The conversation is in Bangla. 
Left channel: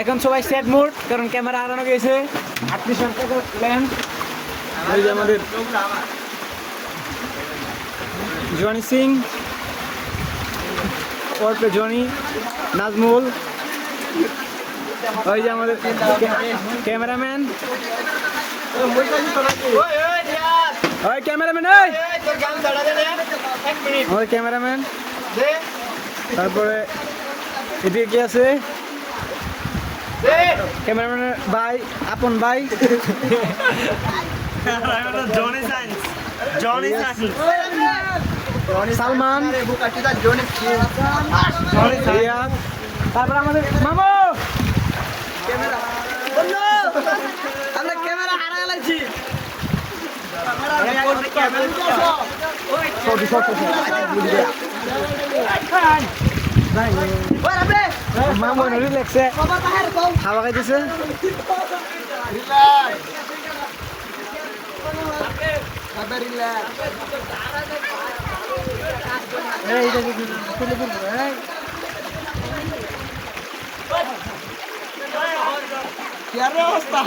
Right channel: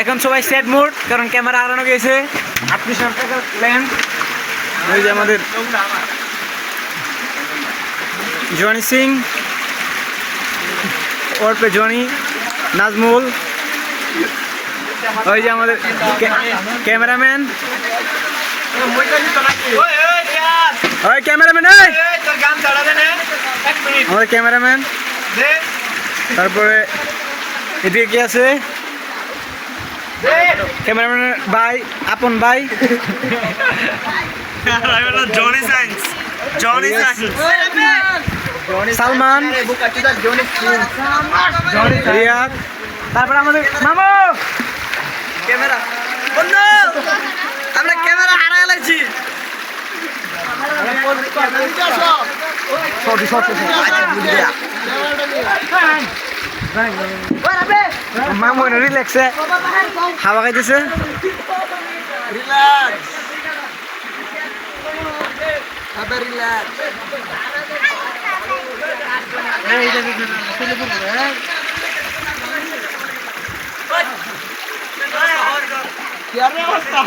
এখন সবাই সেট মুড, কারণ ক্যামেরা হারানো গেছে। 38 টাকার লেন্স। ওই যে আমাদের জনি সিং, ওরপে জনি, নাজমুল, ওই যে আমাদের ক্যামেরাম্যান, ওই ক্যামেরাম্যান, আমাদের ক্যামেরাম্যান। তারপরে এদিকে কি আছে? ক্যামেরাম্যান ভাই, আপন ভাই, সালমান, রিয়াদ। তারপরে আমাদের মামু ক্যামেরা, আমরা ক্যামেরা হারাই লাগছি। মামু রিল্যাক্সে হাওয়া খাইতেছে। কি অবস্থা?